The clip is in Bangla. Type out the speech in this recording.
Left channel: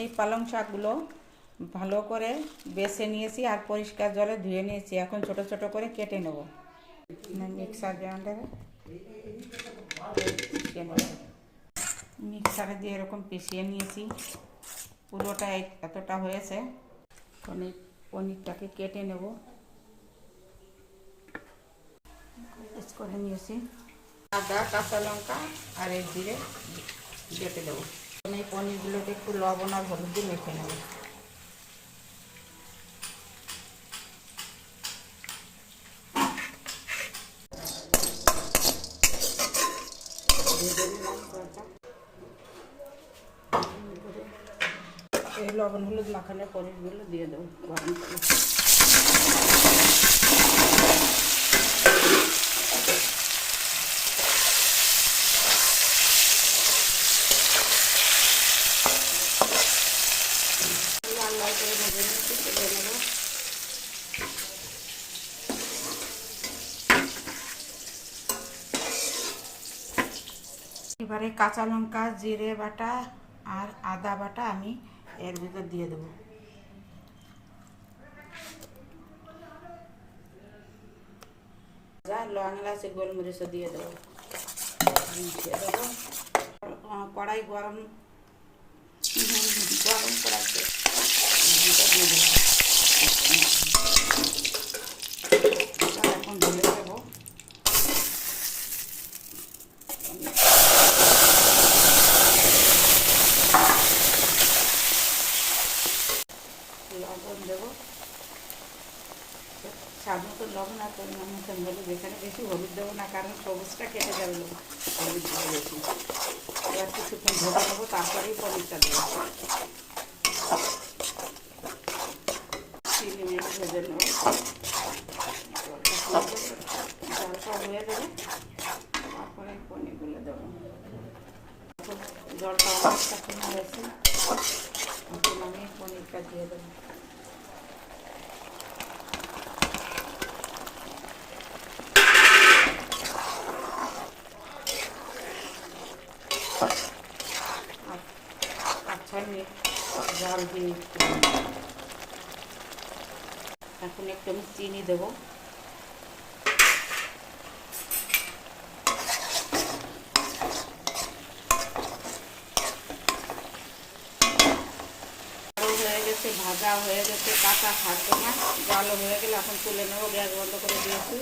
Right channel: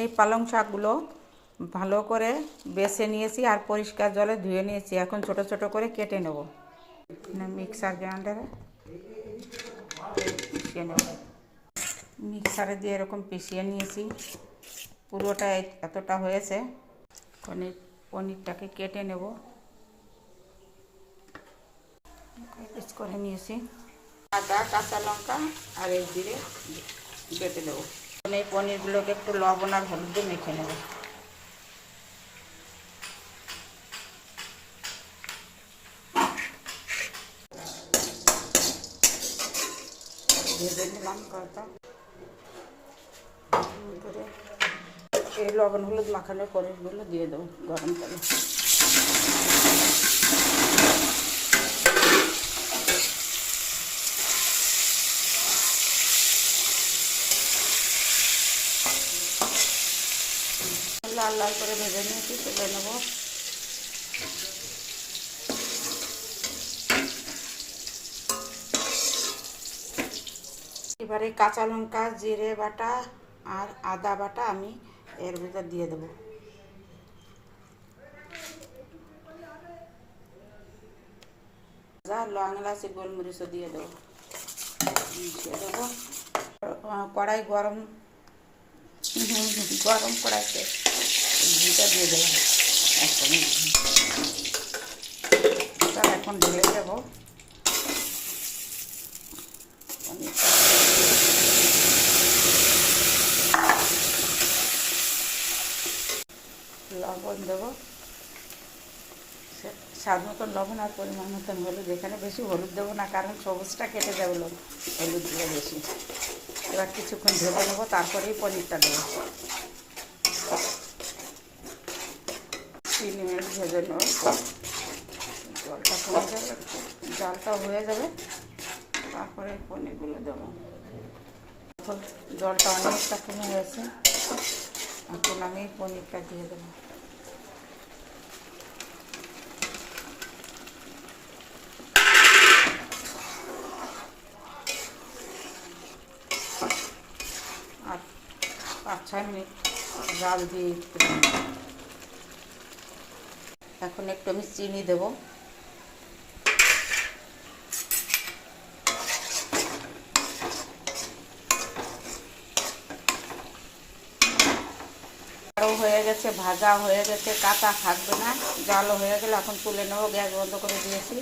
এই পালং শাকগুলো ভালো করে বেছে নিয়েছি আর পরিষ্কার জলে ধুয়ে নিয়েছি। এখন ছোট ছোট করে কেটে নেব। মিক্সার গ্রাইন্ডারে পিষিয়ে নেব। মিক্সারে দিয়ে এরকম পিষিয়ে নিয়েছি। পুরোটা এতটা হয়েছে। পনিরটাকে কেটে নেব। পিস করে নিয়েছি। আদা, কাঁচা লঙ্কা আর এই জিরে বেটে দেবো। এই পনিরগুলোকে একটু লবণ আর হলুদ দিয়ে মেখে নেব। এই লবণ হলুদ মাখানোর পনিরগুলো দিয়ে দেবো গরম পানি। লাল লাল করে ভেজে নিয়েছি, তুলে নেব। এবারে কাঁচা লঙ্কা, জিরে বাটা আর আদা বাটা আমি এর ভিতর দিয়ে দেবো। লং এলাচি গোলমরিচও দিয়ে দেবো। কড়াই গরম কড়াইতে ঘিটা দিয়ে দেবো। এখন ঢেলে দেবো। লবণ দেবো, স্বাদ মতন লবণ আর পরিমাণ মতন হলুদ। এখানে বেশি হলুদ দেবো না, কারণ সবুজটা কেটে যাবে, হলুদ দিলে বেশি। এবার কিছুক্ষণ ঢেকে দেবো, তারপরেই পনিরটা দেবো। চিনি ভেজে নেব। জলটা হয়ে যাবে, তারপরে পনিরগুলো দেবো। জলটা অনেকটা কমে হয়েছে, এখন আমি পনিরটা দিয়ে দেবো। আর 5-6 মিনিট জাল দিয়ে এখন একটু আমি চিনি দেবো। হয়ে গেছে, ভাজা হয়ে গেছে, কাটা থাকবে না। জালও হয়ে গেলে এখন তুলে নেবো। গ্যাস বন্ধ করে দিয়েছি।